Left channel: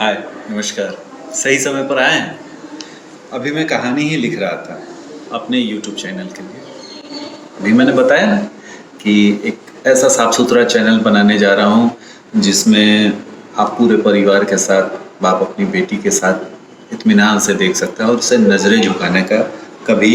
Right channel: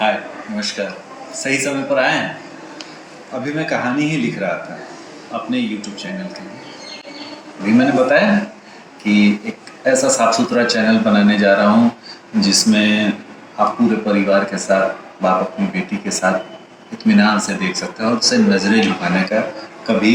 हाय, नमस्कार। सही समय पर आए हैं। अभी मैं कहानी ही लिख रहा था अपने यूट्यूब चैनल के लिए। अभी मैंने बताया ना कि एक ऐसा साफ सुथरा चैनल बनाने जा रहा हूँ जिसमें आप पूरे परिवार के साथ, बाप अपनी बेटी के साथ इत्मीनान से देख सकता है और उसे नज़रें झुकाने का कभी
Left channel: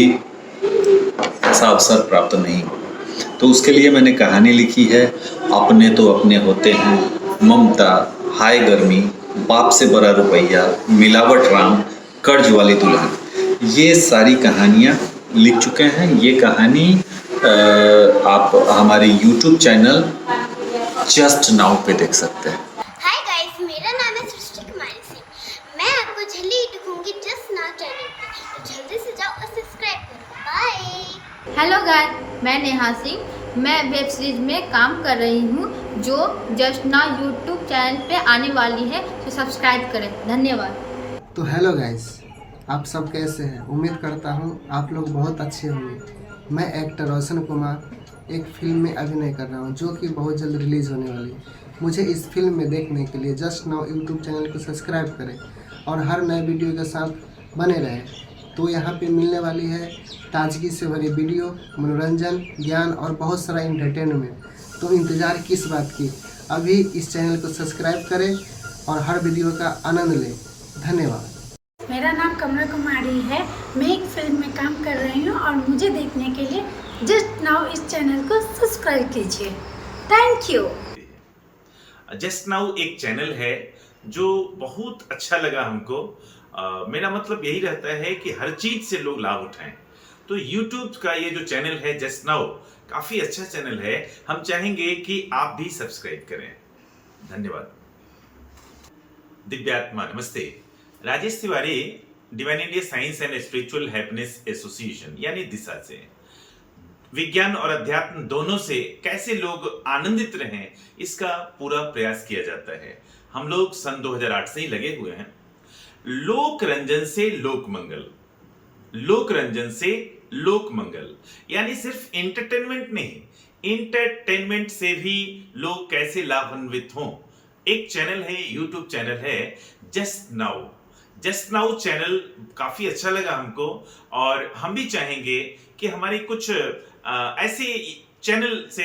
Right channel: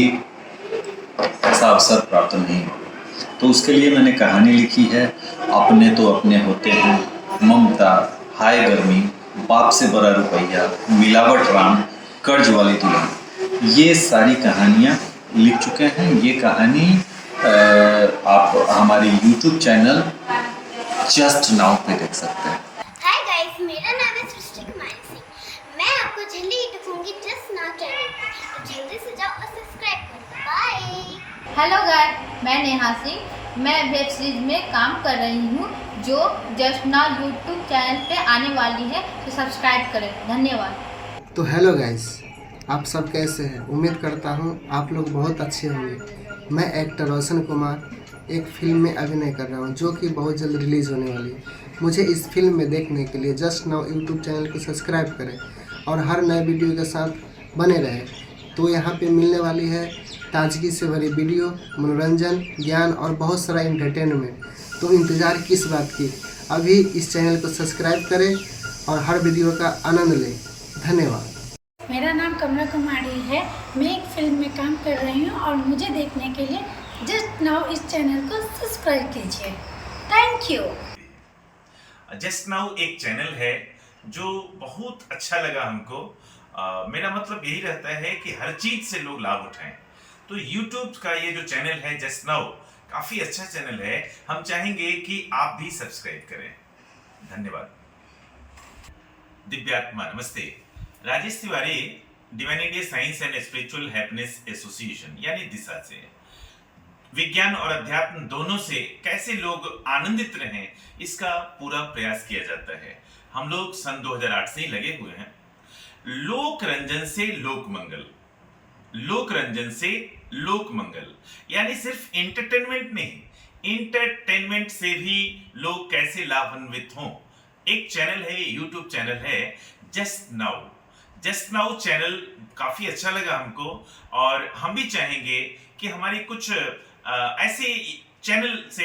ऐसा अवसर प्राप्त नहीं होगा। तो उसके लिए मैंने कहानी लिखी है, अपने तो अपने होते हैं, ममता, हाय गर्मी, बाप से बड़ा रुपया, मिलावट राम, कर्ज वाली दुल्हन। ये सारी कहानियाँ लिख चुके हैं। ये कहानी आप हमारे YouTube चैनल जस्ट नाउ पे देख सकते हैं। हाय गाइस, मेरा नाम है सृष्टि कुमारी सिंह। मैं आपको जल्दी ही दिखूंगी जस्ट नाउ चैनल पे, तो जल्दी से जाओ और सब्सक्राइब करो। बाय। हेलो गाइस, मैं नेहा सिंह। मैं वेब सीरीज में काम कर रही हूँ जो जस्ट नाउ यूट्यूब चैनल पे आने वाली है, तो सब्सक्राइब करें। धन्यवाद। तो हेलो गाइस, आप सब कैसे हैं? उम्मीद करता हूँ आप लोग बहुत अच्छे होंगे। मैं एक्टर रोशन कुमार एक फिल्म में अभिनय कर रहा हूँ जो कि बहुत जल्द रिलीज़ होने वाली है। मुझे इस फिल्म में देखने के लिए जस्ट नाउ यूट्यूब चैनल को सब्सक्राइब करें और हर नए वीडियो के साथ बने रहें। तो यहाँ पे मिलने वाली है ताजगी से भरी वीडियो, मनोरंजन, ज्ञान और बहुत सारा एंटरटेनमेंट। तो इंतज़ार किस बात की? अभी इस चैनल को सब्सक्राइब करें और हर वीडियो का आनंद लें। धन्यवाद। मेरा नाम कमला कुमारी है। मैं एक फिल्म में काम कर रही हूँ और मुझे देखने के लिए जस्ट नाउ इस चैनल को सब्सक्राइब कीजिए। Thank you. जस्ट नाउ एक चैनल है जो बहुत अच्छा लगा हमको। मेरा मतलब यही रहता है कि हर चीज से लोग लाभ उठाएं। तो YouTube का ये जो चैनल है जस्ट नाउ, काफी अच्छा चैनल है। हम चाहेंगे कि आप भी सब्सक्राइब करें। धन्यवाद। दिव्यात्मा नमस्ते। Rajesh Tiwari, divine India science and spiritual happiness association यानी दिशा से विज्ञान और अध्यात्म दोनों से कैसे लोग आनंदित रहें, इसका पूरा प्रयास किया जाता है। हम लोग सन 2008 से ही लगे हुए हैं। लोक रंजन से लोक मंगल, लोक रंजन से लोक मंगल, यानी सिर्फ एंटरटेनमेंट नहीं, इंटरटेनमेंट से भी लोग कैसे लाभान्वित हों। एक चैनल है, यूट्यूब चैनल है just now. Just now channel काफी अच्छा लगा हमको और हम भी चाहेंगे कि हमारी कुछ ऐसे चैनल से,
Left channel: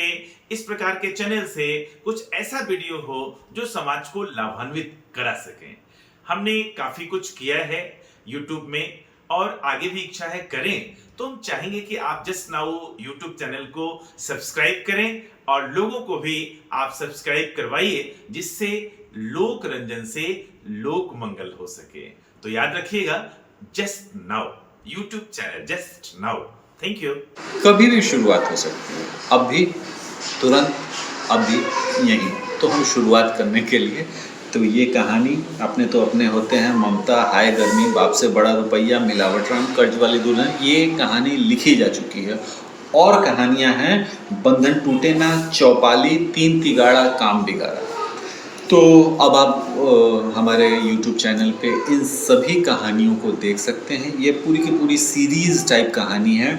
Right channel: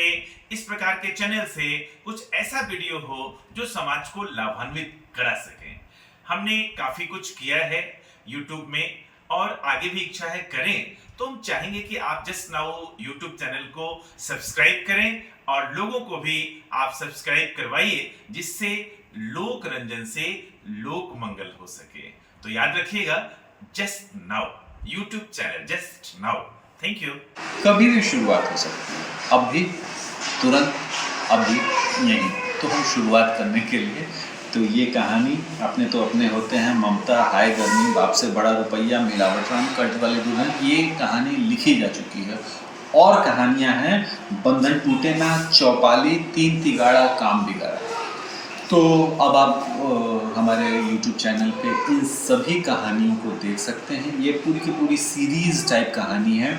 इस प्रकार के चैनल से कुछ ऐसा वीडियो हो जो समाज को लाभान्वित करा सके। हमने काफी कुछ किया है YouTube में और आगे भी इच्छा है करें। तो हम चाहेंगे कि आप जस्ट नाउ YouTube चैनल को सब्सक्राइब करें और लोगों को भी आप सब्सक्राइब करवाइए, जिससे लोक रंजन से लोक मंगल हो सके। तो याद रखिएगा, just now YouTube channel just now. Thank you. कभी भी शुरुआत हो सकती है, अब भी, तुरंत, अभी, यहीं। तो हम शुरुआत करने के लिए, तो ये कहानी अपने तो अपने होते हैं, ममता, हाय गर्मी, बाप से बड़ा रुपया, मिलावट राम, कर्ज वाली दुल्हन, ये कहानी लिखी जा चुकी है। और कहानियां हैं बंधन टूटे ना, चौपाली, तीन तिगाड़ा, काम बिगाड़ा। तो अब आप हमारे YouTube चैनल पे इन सभी कहानियों को देख सकते हैं। ये पूरी की पूरी सीरीज़ टाइप कहानी है।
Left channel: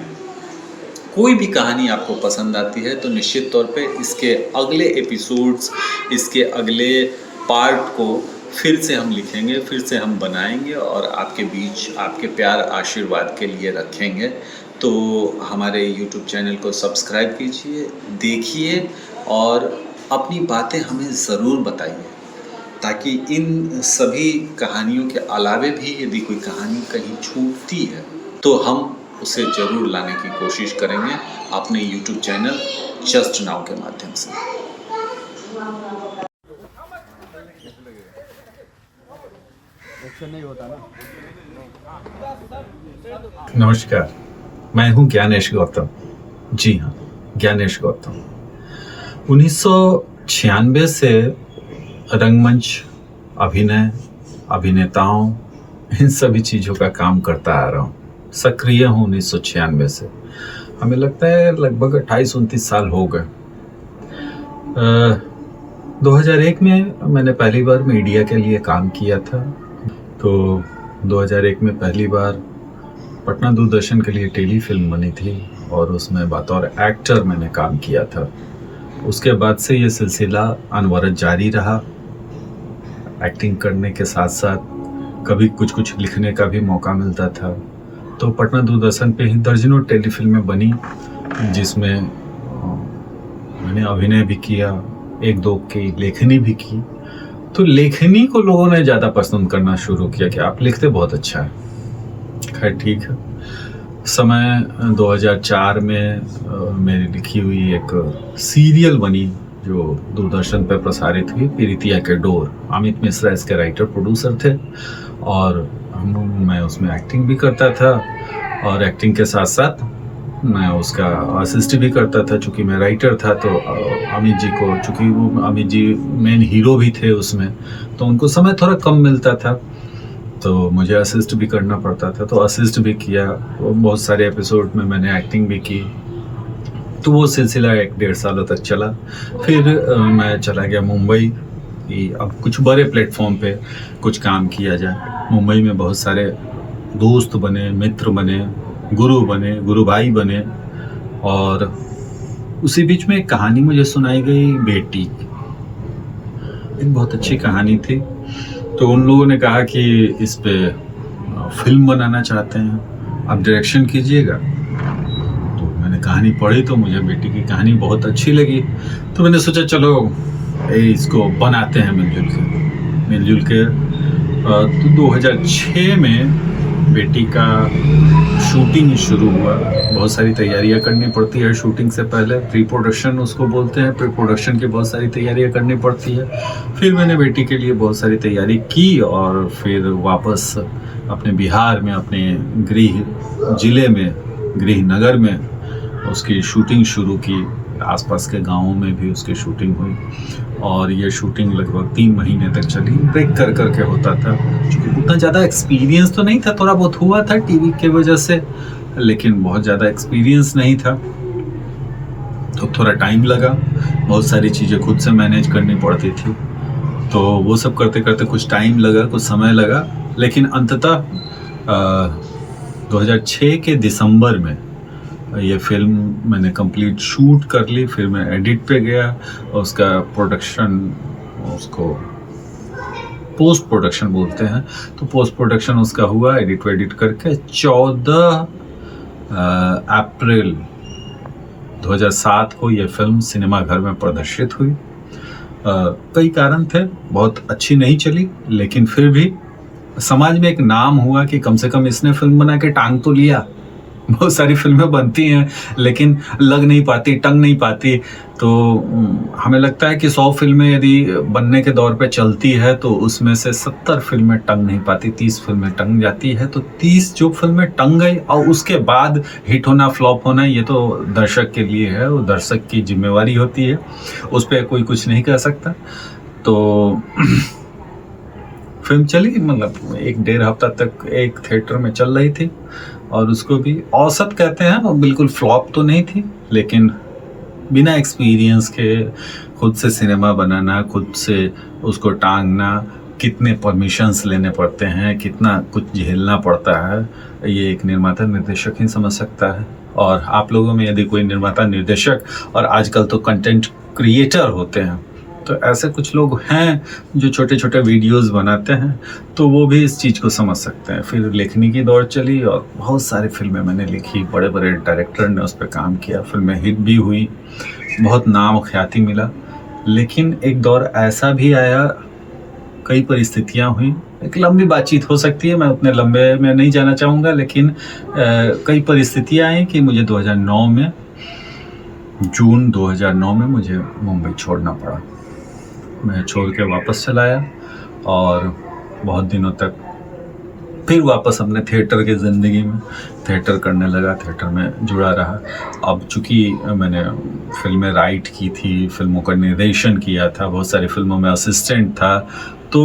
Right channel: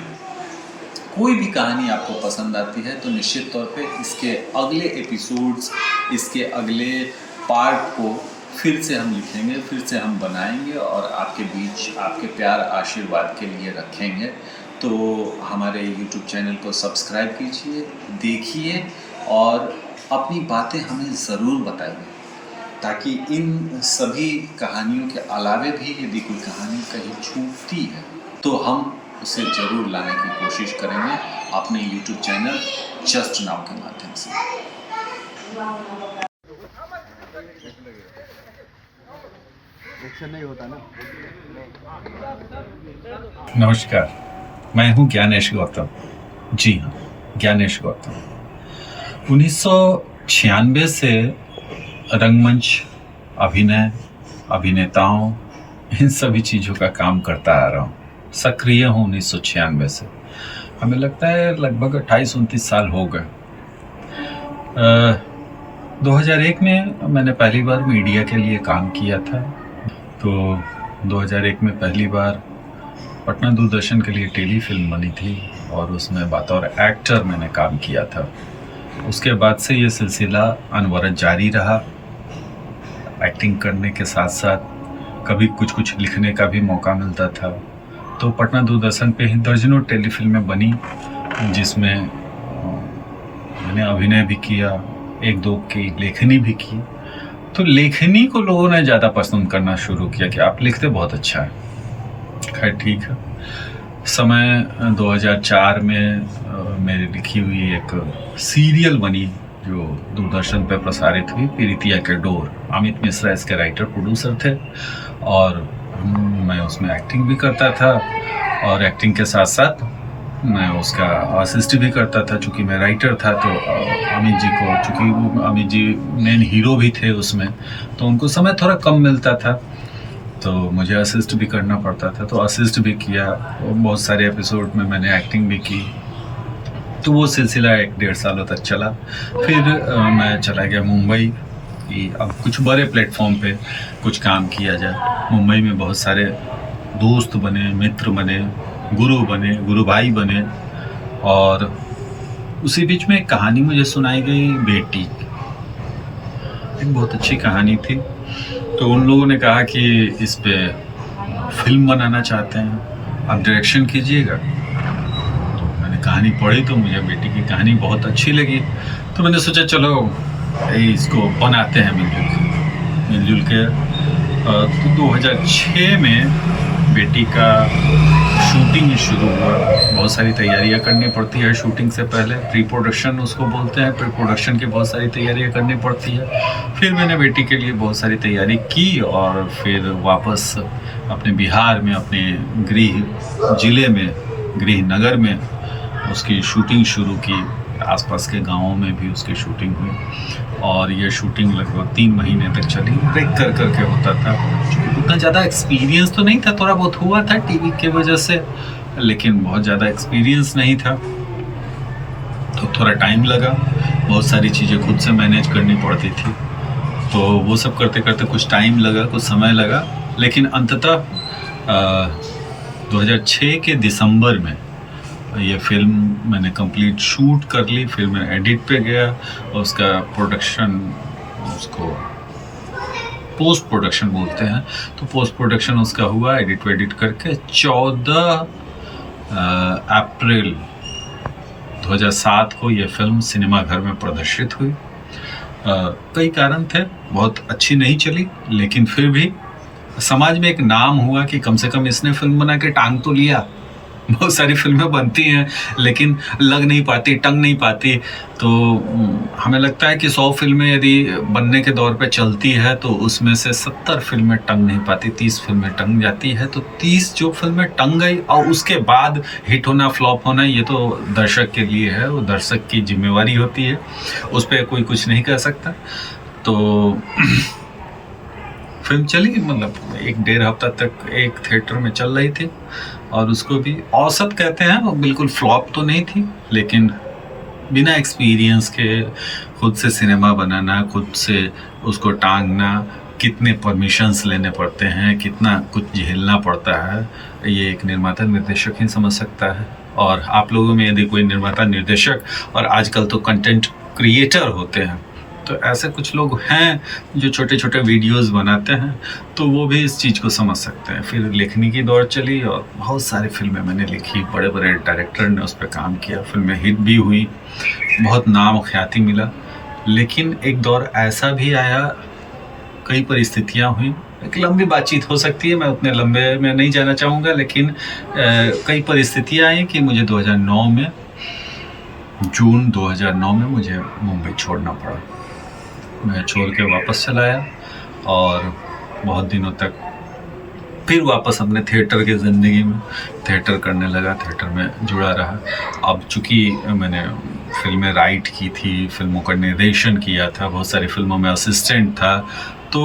कोई भी कहानी आपको पसंद आती है तो निश्चित तौर पे इसके अगले एपिसोड्स, इसके अगले पार्ट को फिर से हम लिखेंगे, फिर से हम बनाएंगे और आपके बीच आपके प्यार आशीर्वाद के लिए रखेंगे। तो हमारे YouTube चैनल को सब्सक्राइब कीजिए, देखिए और अपनी बातें हमें ज़रूर बताइए, ताकि इन सभी कहानियों के अलावे भी यदि कोई कहानी कहीं छूटती है तो हम उसे ज़रूर लाने की कोशिश करेंगे अपने YouTube चैनल जस्ट नाउ के माध्यम से। नहीं होता ना। नमस्कार, मैं हूं ज्ञानेश गौतम। जी हाँ, ज्ञानेश गौतम। 1996 से रंगमंच, अभिनय, अभिनेताओं, इन सभी चीज़ों का काम करता आ रहा हूँ। सक्रिय हूँ 1996 से। हमें लगता है लगभग 28-29 साल हो गए। 2001 में मैंने पहली बार मीडिया के लिए काम किया था। तो 2001 में पहली बार पटना दूरदर्शन के लिए टेली फिल्म बनी थी और उसमें बतौर एक्टर मैंने काम किया था। उसके बाद से ये सिलसिला अनवरत जारी रहा। एक्टिंग करने के साथ साथ कभी कुछ कुछ लिखने का भी मौका मिलता था। तो पटना दूरदर्शन पे ही दर्जनों टेलीफिल्में बनी जिसमें मैंने अभिनय भी किया, एक दो की लेखनी भी की। तो लेखनी को लोगों ने ज़्यादा पसंद करना शुरू किया कि आप लिखते बहुत अच्छा है। खैर ठीक है। समय 2004 में मेरी लिखी हुई एक सीरियल बनी जो दूरदर्शन पर प्रसारित हुई, पीरितिया के डोर। अमित मिश्रा इसके राइटर प्रोड्यूसर थे और मैं उसमें एक्टिंग भी करता था और एक्टिंग के साथ साथ मैं उसका असिस्ट भी करता था। चूँकि मैं राइटर था तो अमित जी को, चूँकि वो अमित जी मेन हीरो भी थे उसमें, तो उनको समय थोड़ा कम मिलता था तो मुझे असिस्ट भी करना पड़ता था। तो असिस्ट भी किया, बहुत सारे एपिसोड में मैंने एक्टिंग भी की। तो वो सिलसिला 1-1.5 सालों तक चला। फिर मैं चला गया मुंबई कि अब कुछ बड़े प्लेटफॉर्म पे कुछ काम किया जाए। मुंबई में बहुत सारे दोस्त बने, मित्र बने, गुरु भाई बने। और उसी बीच में एक कहानी मुझे सुनाई गई, बेटी। एक बहुत अच्छी कहानी थी। तो उन लोगों ने कहा कि इस पे फिल्म बनाना चाहते हैं, आप डायरेक्शन कीजिएगा। तो मैंने कहानी पढ़ी तो मुझे बेटी की कहानी बहुत अच्छी लगी। तो मैंने सोचा चलो इसको बनाते हैं मिलजुल के। तो 2006 में बेटी का शूटिंग शुरू हुआ। बहुत सारी तैयारियां करनी पड़ती है शूटिंग से पहले, प्री प्रोडक्शन उसको बोलते हैं। प्री प्रोडक्शन की बहुत सारी तैयारियां करनी पड़ती है। फिर मैंने बेटी के लिए बहुत सारी तैयारी की और फिर वापस अपने बिहार में, अपने गृह जिले में, गृह नगर में उसकी शूटिंग शुरू की। आसपास के गाँवों में भी उसकी शूटिंग हुई और ये शूटिंग लगभग 3 महीने तक चली। ब्रेक कर करके होता था, क्योंकि उतना ज़्यादा एक्सपीरियंस तो नहीं था, थोड़ा बहुत हुआ था टीवी के वजह से, लेकिन बहुत ज़्यादा एक्सपीरियंस नहीं था। तो थोड़ा टाइम लगा, बहुत सारी चीज़ें खुद से मैनेज करनी पड़ती थी। तो वो सब करते करते कुछ टाइम लगा, कुछ समय लगा, लेकिन अंततः 2006 के दिसंबर में ये फिल्म मैंने कंप्लीट शूट कर ली। फिर मैं एडिट पे गया और उसका प्रोडक्शन, उसको पोस्ट प्रोडक्शन बोलते हैं, तो पोस्ट प्रोडक्शन उसका हुआ। एडिट करके 14 अप्रैल 2007 को ये फिल्म सिनेमा घर में प्रदर्शित हुई। कई कारण थे, बहुत अच्छी नहीं चली, लेकिन फिर भी समाज में एक नाम हुआ कि कम से कम इसने फिल्म बना के टांग तो लिया। बहुत सारी फिल्में बनती हैं लेकिन लग नहीं पाती, टंग नहीं पाती। तो हमें लगता है कि 100 फिल्में यदि बनने के दौर पे चलती है तो उसमें से 70 फिल्में टंग नहीं पाती, 30 फिल्में टंग जाती है। तो 30 जो फिल्में टंग गई और उसके बाद हिट होना, फ्लॉप होना, ये तो दर्शक के लिए है, वो दर्शक की जिम्मेवारी होती है, उस पर कोई कुछ नहीं कह सकता। तो फिल्म चली, मतलब 1-1.5 हफ्ता तक एक थिएटर में चल रही थी और उसको भी औसत कहते हैं, वो बिल्कुल फ्लॉप तो नहीं थी, लेकिन बिना एक्सपीरियंस के खुद से सिनेमा बनाना, खुद से उसको टांगना, कितने परमिशंस लेने पड़ते हैं, कितना कुछ झेलना पड़ता है, ये एक निर्माता निर्देशक ही समझ सकता है। और आप लोगों में यदि कोई निर्माता निर्देशक और आजकल तो कंटेंट क्रिएटर होते हैं, तो ऐसे कुछ लोग हैं जो छोटे छोटे वीडियोस बनाते हैं, तो वो भी इस चीज़ को समझ सकते हैं। फिर लिखने की दौर चली और बहुत सारी फिल्में मैंने लिखी, बड़े बड़े डायरेक्टर ने उस पर काम किया, फिल्में हिट भी हुई, बहुत नाम ख्याति मिला। लेकिन एक दौर ऐसा भी आया, कई परिस्थितियाँ हुई, एक लंबी बातचीत हो सकती है, मैं उतने लंबे में नहीं जाना चाहूँगा, लेकिन कई परिस्थितियाँ आई कि मुझे 2009 में, जून 2009 में मुझे मुंबई छोड़ना पड़ा। मैं छोड़ के वापस चला आया और बहुत दिनों तक फिर वापस अपने थिएटर की ज़िंदगी में थिएटर करने लगा, थिएटर में जुड़ा रहा। अब चूँकि मैंने फिल्में राइट की थी, फिल्मों का निर्देशन किया था, बहुत सारी फिल्मों में असिस्टेंट था, तो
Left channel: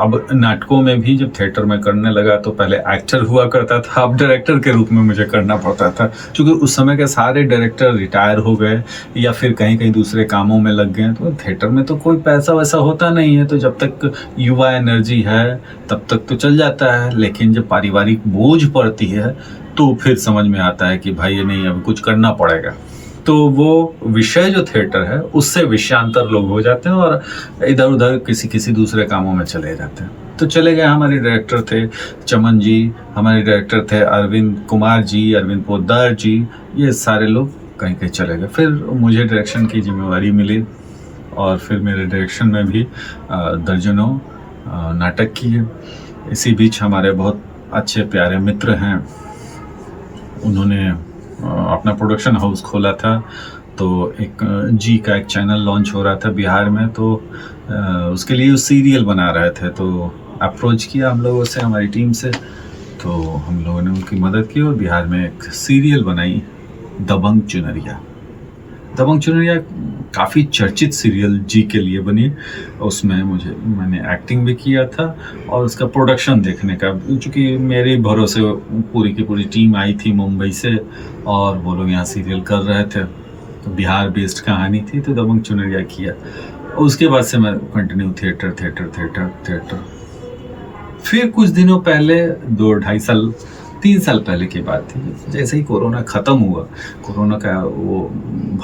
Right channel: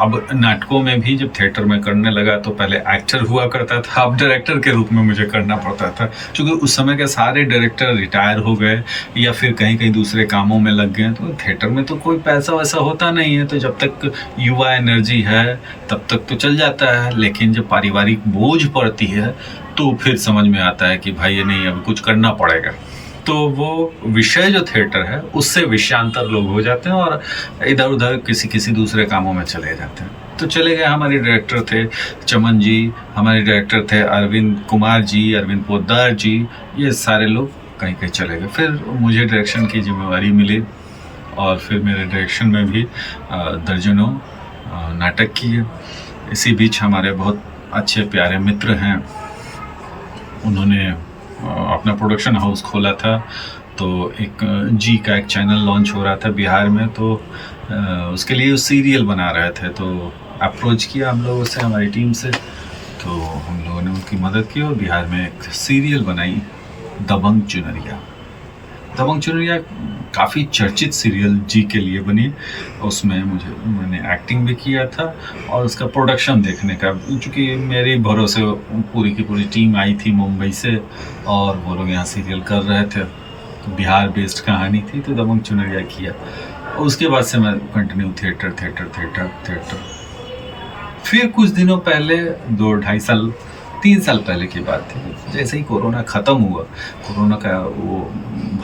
अब नाटकों में भी जब थिएटर में करने लगा तो पहले एक्टर हुआ करता था, अब डायरेक्टर के रूप में मुझे करना पड़ता था। क्योंकि उस समय के सारे डायरेक्टर रिटायर हो गए या फिर कहीं कहीं दूसरे कामों में लग गए, तो थिएटर में तो कोई पैसा वैसा होता नहीं है, तो जब तक युवा एनर्जी है तब तक तो चल जाता है। लेकिन जब पारिवारिक बोझ पड़ती है तो फिर समझ में आता है कि भाई ये नहीं, अब कुछ करना पड़ेगा। तो वो विषय जो थिएटर है उससे विषयांतर लोग हो जाते हैं और इधर उधर किसी दूसरे कामों में चले जाते हैं। तो चले गए। हमारे डायरेक्टर थे चमन जी, हमारे डायरेक्टर थे अरविंद कुमार जी, अरविंद पोद्दार जी, ये सारे लोग कहीं कहीं चले गए। फिर मुझे डायरेक्शन की जिम्मेवारी मिली और फिर मेरे डायरेक्शन में भी दर्जनों नाटक किए। इसी बीच हमारे बहुत अच्छे प्यारे मित्र हैं, उन्होंने अपना प्रोडक्शन हाउस खोला था। तो एक जी का एक चैनल लॉन्च हो रहा था बिहार में, तो उसके लिए वो सीरियल बना रहे थे। तो अप्रोच किया हम लोगों से, हमारी टीम से, तो हम लोगों ने उनकी मदद की और बिहार में एक सीरियल बनाई दबंग चुनरिया। दबंग चुनरिया काफ़ी चर्चित सीरियल जी के लिए बनी। उसमें मैंने एक्टिंग भी किया था और उसका प्रोडक्शन देखने का, चूँकि मेरे भरोसे पूरी की पूरी टीम आई थी मुंबई से और वो लोग यहाँ सीरियल कर रहे थे। तो बिहार बेस्ड कहानी थी, तो दबंग चुनरिया किया। उसके बाद से मैं कंटिन्यू थिएटर। फिर कुछ दिनों पहले 2-2.5 साल 3 साल पहले की बात थी, जैसे ही कोरोना ख़त्म हुआ, कोरोना का वो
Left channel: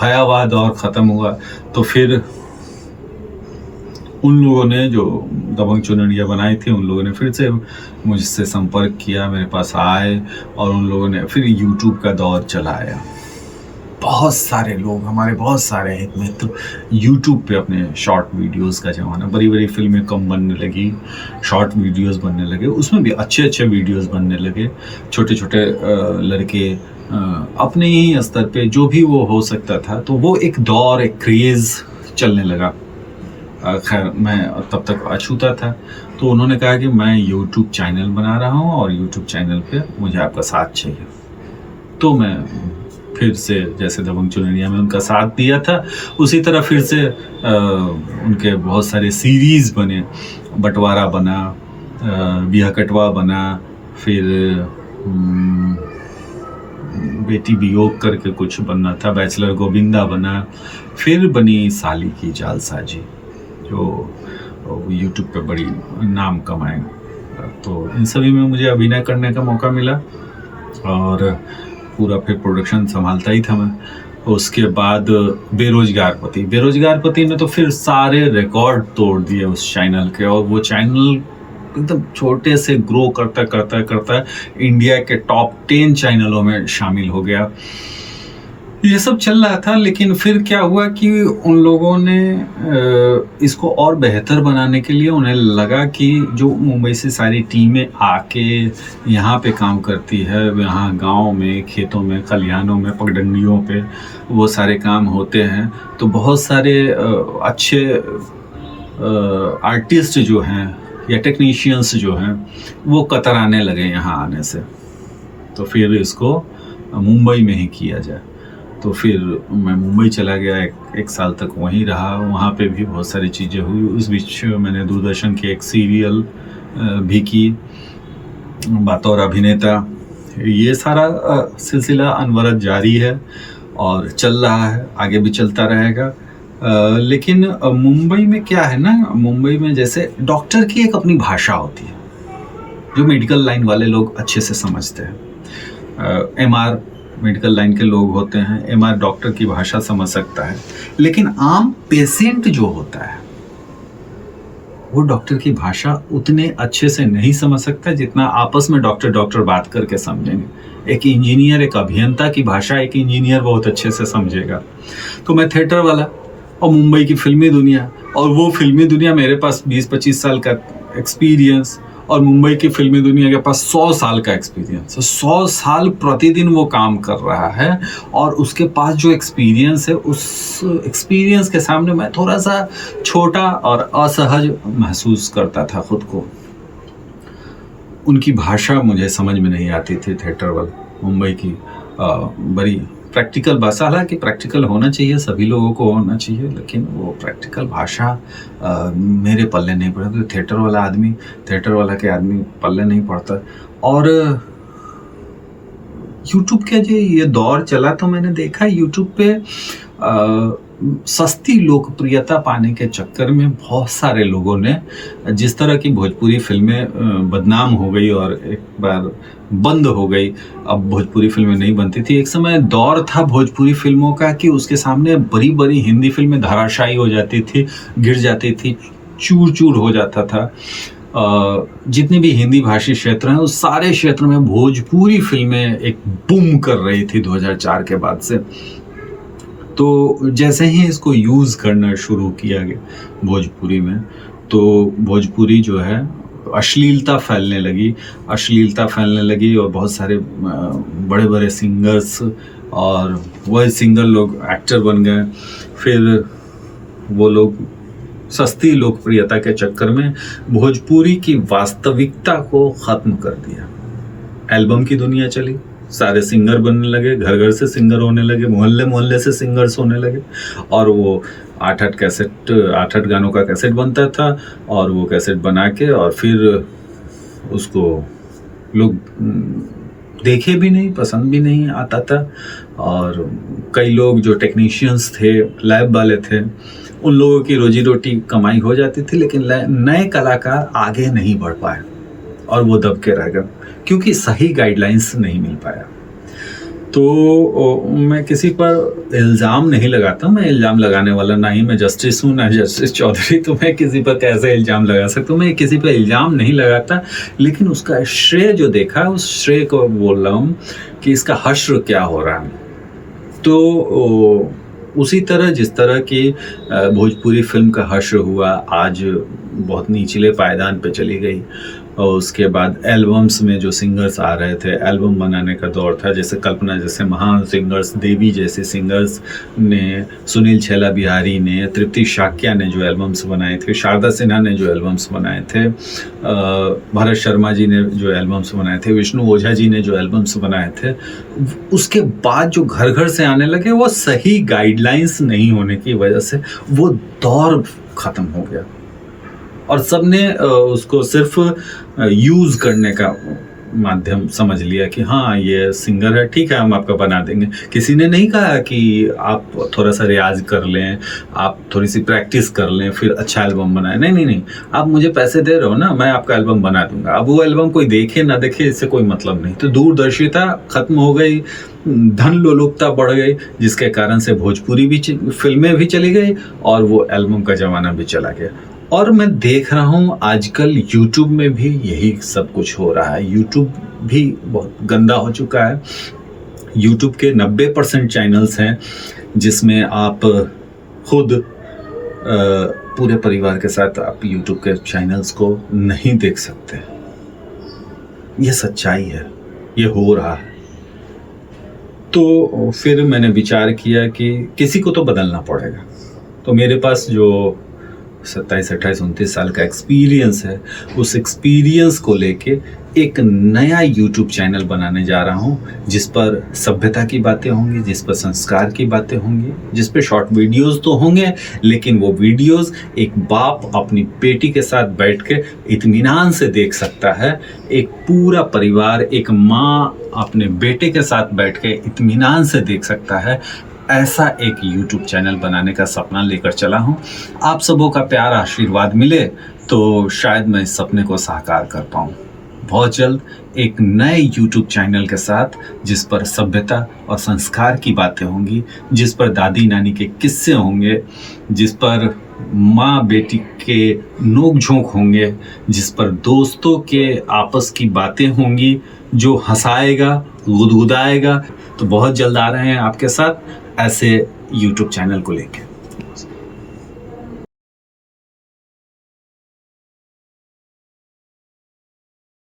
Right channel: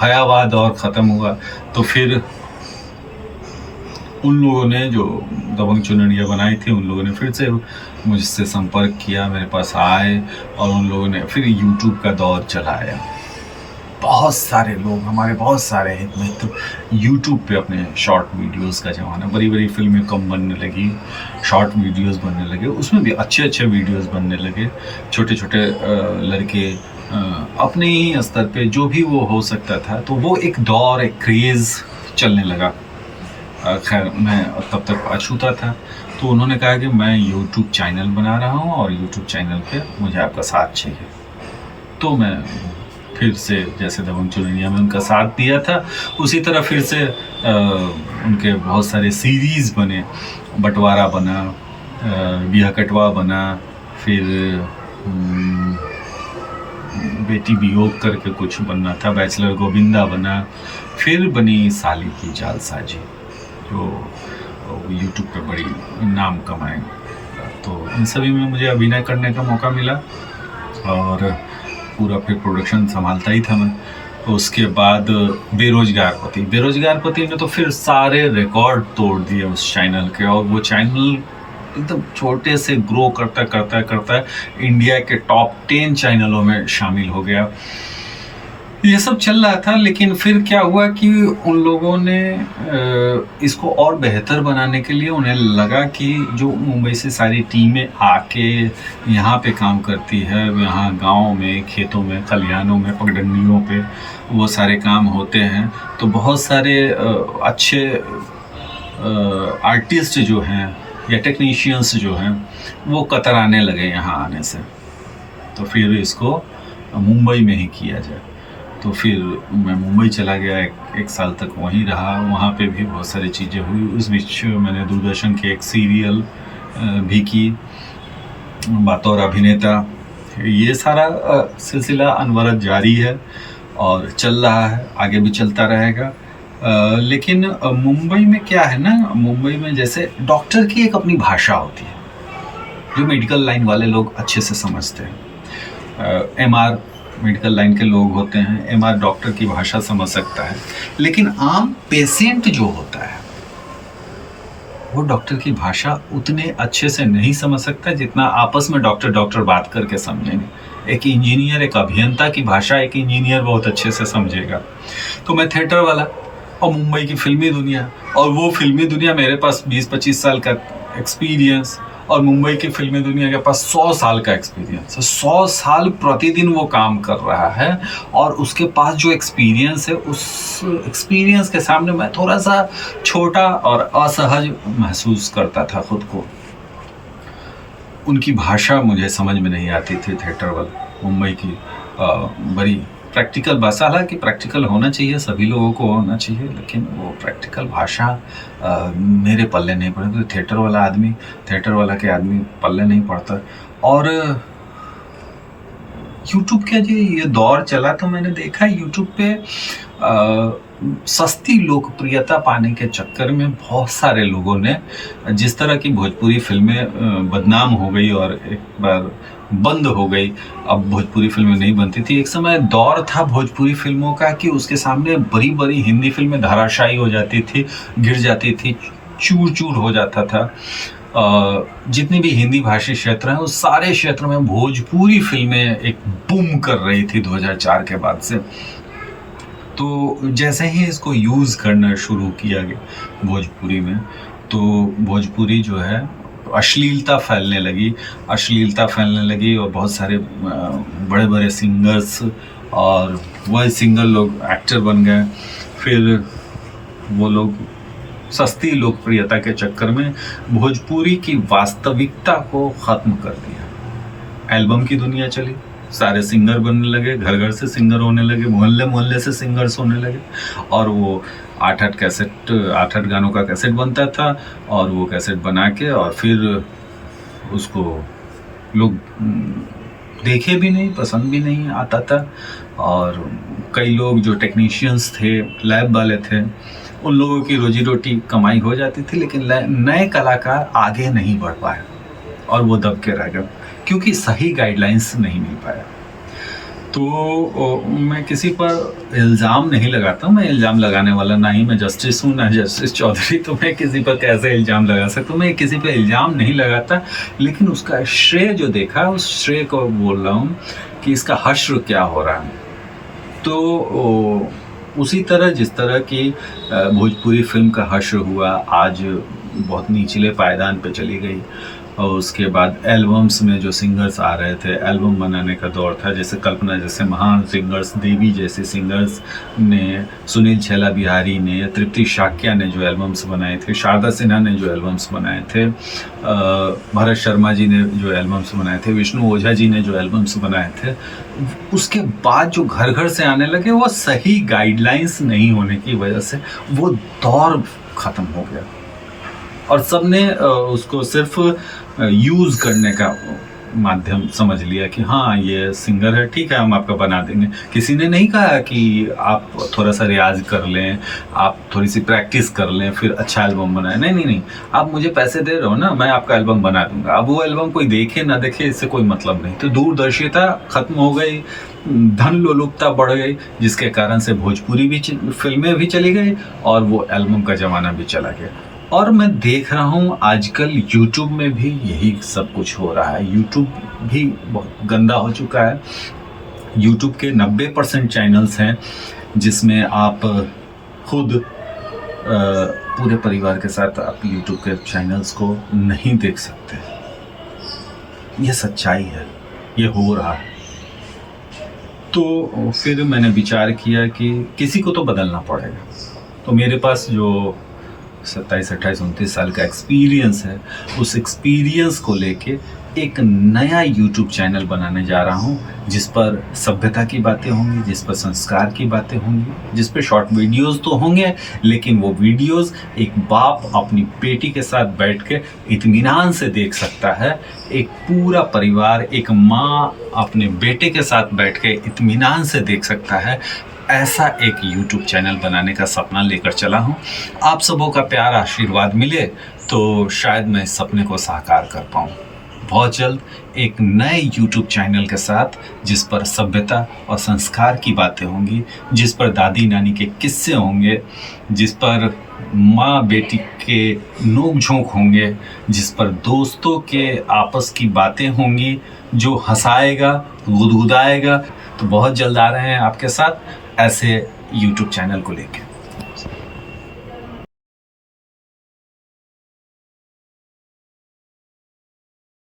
भयावह दौर ख़त्म हुआ, तो फिर उन लोगों ने जो दबंग चुनरिया बनाई थी, उन लोगों ने फिर से मुझसे संपर्क किया, मेरे पास आए और उन लोगों ने फिर यूट्यूब का दौर चलाया। बहुत सारे लोग, हमारे बहुत सारे मित्र यूट्यूब पे अपने शॉर्ट वीडियोस का ज़माना, बड़ी बड़ी फिल्में कम बनने लगी, शॉर्ट वीडियोस बनने लगे, उसमें भी अच्छे अच्छे वीडियोस बनने लगे। छोटे छोटे लड़के अपने ही स्तर पे जो भी वो हो सकता था, तो वो एक दौर, एक क्रेज़ चलने लगा। खैर मैं तब तक अछूता था, तो उन्होंने कहा कि मैं यूट्यूब चैनल बना रहा हूँ और यूट्यूब चैनल पे मुझे आपका साथ चाहिए। तो मैं फिर से जैसे दबंग चुनरिया में उनका साथ दिया था, उसी तरह फिर से उनके बहुत सारे सीरीज़ बने। बंटवारा बना, बिया कटवा बना, फिर बेटी वियोग करके कुछ बनना था, बैचलर गोविंदा बना, फिर बनी साली की जालसाजी जो यूट्यूब पे बड़ी नाम कमाए। तो इन सभी में मुझे अभिनय करने का मौका मिला और पूरा फिर प्रोडक्शन संभालता ही था मैं। उसके बाद बेरोजगार पति में तो फिर सारे रिकॉर्ड तोड़ दिए उस चैनल के, और वो चैनल एकदम छोटे से ग्रो करता इंडिया के टॉप 10 चैनलों में शामिल हो गया। ये सब चल रहा था, लेकिन फिर क्या हुआ कि उन लोगों ने इसको और बेहतर बनाने के लिए उन्हें लगा कि जो मुंबई से सारी टीमें आके यहाँ पे काम करती है, यहाँ गांव में, खेतों में, खलिहानों में, पगडंडियों पे वो सारे काम होते हैं, तो बहुत सारे अच्छे आर्टिस्ट जो हैं या टेक्नीशियंस जो हैं वो कतराने लगे यहाँ आने से। तो फिर इसको मुंबई में ही किया जाए। तो फिर मैं मुंबई चला गया, एक साल तक वहीं रहा। वहाँ पे भी बहुत सारी चीज़ें हुई। उस बीच मैंने दूरदर्शन की एक सीरियल भी की बतौर अभिनेता। ये सारा सिलसिला अनवरत जारी है और चल रहा है, आगे भी चलता रहेगा। लेकिन मुंबई में क्या है ना, मुंबई में जैसे डॉक्टर की एक अपनी भाषा होती है जो मेडिकल लाइन वाले लोग अच्छे से समझते हैं। एमआर मेडिकल लाइन के लोग होते हैं, एमआर डॉक्टर की भाषा समझ सकता है, लेकिन आम पेशेंट जो होता है वो डॉक्टर की भाषा उतने अच्छे से नहीं समझ सकता जितना आपस में डॉक्टर बात करके समझेंगे। एक इंजीनियर, एक अभियंता की भाषा एक इंजीनियर बहुत अच्छे से समझेगा। तो मैं थिएटर वाला और मुंबई की फिल्मी दुनिया, और वो फिल्मी दुनिया मेरे पास 20-25 साल का एक्सपीरियंस, और मुंबई की फिल्मी दुनिया के पास 100 साल का एक्सपीरियंस। 100 साल प्रतिदिन वो काम कर रहा है और उसके पास जो एक्सपीरियंस है, उस एक्सपीरियंस के सामने मैं थोड़ा सा छोटा और असहज महसूस करता था खुद को। उनकी भाषा मुझे समझ में नहीं आती थी थिएटर वाला। मुंबई की बड़ी प्रैक्टिकल भाषा, हालांकि प्रैक्टिकल होना चाहिए, सभी लोगों को होना चाहिए, लेकिन वो प्रैक्टिकल भाषा मेरे पल्ले नहीं पड़े। तो थिएटर वाला के आदमी पल्ले नहीं पड़ता। और यूट्यूब का जो ये दौर चला तो मैंने देखा यूट्यूब पे सस्ती लोकप्रियता पाने के चक्कर में बहुत सारे लोगों ने, जिस तरह की भोजपुरी फिल्में बदनाम हो गई और एक बार बंद हो गई, अब भोजपुरी फिल्में नहीं बनती थी। एक समय दौर था भोजपुरी फिल्मों का कि उसके सामने बड़ी बड़ी हिंदी फिल्में धराशायी हो जाती थी, गिर जाती थी, चूर चूर हो जाता था। जितने भी हिंदी भाषी क्षेत्र हैं उस सारे क्षेत्र में भोजपुरी फिल्में एक बूम कर रही थी 2004 के बाद से। तो जैसे ही इसको यूज़ करना शुरू किया गया भोजपुरी में, तो भोजपुरी जो है अश्लीलता फैलने लगी और बहुत सारे बड़े बड़े सिंगर्स और वही सिंगर लोग एक्टर बन गए। फिर वो लोग सस्ती लोकप्रियता के चक्कर में भोजपुरी की वास्तविकता को ख़त्म कर दिया। एल्बम की दुनिया चली, सारे सिंगर बनने लगे, घर घर से सिंगर होने लगे, मोहल्ले मोहल्ले से सिंगर्स होने लगे, और वो 8-8 गानों का कैसेट बनता था, और वो कैसेट बना के और फिर उसको लोग देखे भी नहीं, पसंद भी नहीं आता था। और कई लोग जो टेक्नीशियंस थे, लैब वाले थे, उन लोगों की रोजी रोटी कमाई हो जाती थी, लेकिन नए कलाकार आगे नहीं बढ़ पाए और वो दब के रह गए क्योंकि सही गाइडलाइंस नहीं मिल पाया। तो मैं किसी पर इल्ज़ाम नहीं लगाता, मैं इल्ज़ाम लगाने वाला ना ही मैं जस्टिस हूँ, ना जस्टिस चौधरी, तो मैं किसी पर कैसे इल्ज़ाम लगा सकता हूँ। मैं किसी पर इल्ज़ाम नहीं लगाता, लेकिन उसका श्रेय जो देखा उस श्रेय को बोल रहा हूँ कि इसका हश्र क्या हो रहा है। तो उसी तरह जिस तरह की भोजपुरी फिल्म का हश्र हुआ, आज बहुत निचले पायदान पे चली गई। और उसके बाद एल्बम्स में जो सिंगर्स आ रहे थे, एल्बम बनाने का दौर था, जैसे कल्पना जैसे महान सिंगर्स, देवी जैसे सिंगर्स ने, सुनील छैला बिहारी ने, तृप्ति शाक्या ने जो एल्बम्स बनाए थे, शारदा सिन्हा ने जो एल्बम्स बनाए थे, भरत शर्मा जी ने जो एल्बम्स बनाए थे, विष्णु ओझा जी ने जो एल्बम्स बनाए थे, उसके बाद जो घर घर से आने लगे, वो सही गाइडलाइंस नहीं होने की वजह से वो दौर ख़त्म हो गया और सबने उसको सिर्फ यूज़ करने का माध्यम समझ लिया कि हाँ ये सिंगर है, ठीक है हम आपका बना देंगे। किसी ने नहीं कहा कि आप थोड़ा सा रियाज कर लें, आप थोड़ी सी प्रैक्टिस कर लें, फिर अच्छा एल्बम बनाएं। नहीं, आप मुझे पैसे दे रहे हो ना, मैं आपका एल्बम बना दूंगा। अब वो एल्बम कोई देखे ना देखे, इससे कोई मतलब नहीं। तो दूरदर्शिता ख़त्म हो गई, धन लोलुपता बढ़ गई, जिसके कारण से भोजपुरी भी फिल्में भी चली गई और वो एल्बम का ज़माना भी चला गया। और मैं देख रहा हूँ आजकल यूट्यूब में भी यही सब कुछ हो रहा है। यूट्यूब भी बहुत गंदा हो चुका है। यूट्यूब के 90% चैनल्स हैं जिसमें आप खुद पूरे परिवार के साथ आप यूट्यूब के चैनल्स को नहीं देख सकते। ये सच्चाई है, ये हो रहा है। तो फिर मैंने विचार किया कि किसी को तो बदलना पड़ेगा। तो मेरे पास जो 27, 28, 29 साल का एक्सपीरियंस है, उस एक्सपीरियंस को लेके एक नया यूट्यूब चैनल बनाने जा रहा हूँ, जिस पर सभ्यता की बातें होंगी, जिस पर संस्कार की बातें होंगी, जिस पे शॉर्ट वीडियोस तो होंगे, लेकिन वो वीडियोस एक बाप अपनी बेटी के साथ बैठ के इत्मीनान से देख सकता है। एक पूरा परिवार, एक माँ अपने बेटे के साथ बैठ के इत्मीनान से देख सकता है। ऐसा एक YouTube चैनल बनाने का सपना लेकर चला हूँ। आप सबों का प्यार आशीर्वाद मिले तो शायद मैं इस सपने को साकार कर पाऊँ। बहुत जल्द एक नए YouTube चैनल के साथ, जिस पर सभ्यता और संस्कार की बातें होंगी, जिस पर दादी नानी के किस्से होंगे, जिस पर माँ बेटी के नोक झोंक होंगे, जिस पर दोस्तों के आपस की बातें होंगी, जो हंसाएगा, गुदगुदाएगा। तो बहुत जल्द आ रहे हैं आपके साथ ऐसे YouTube चैनल को लेकर।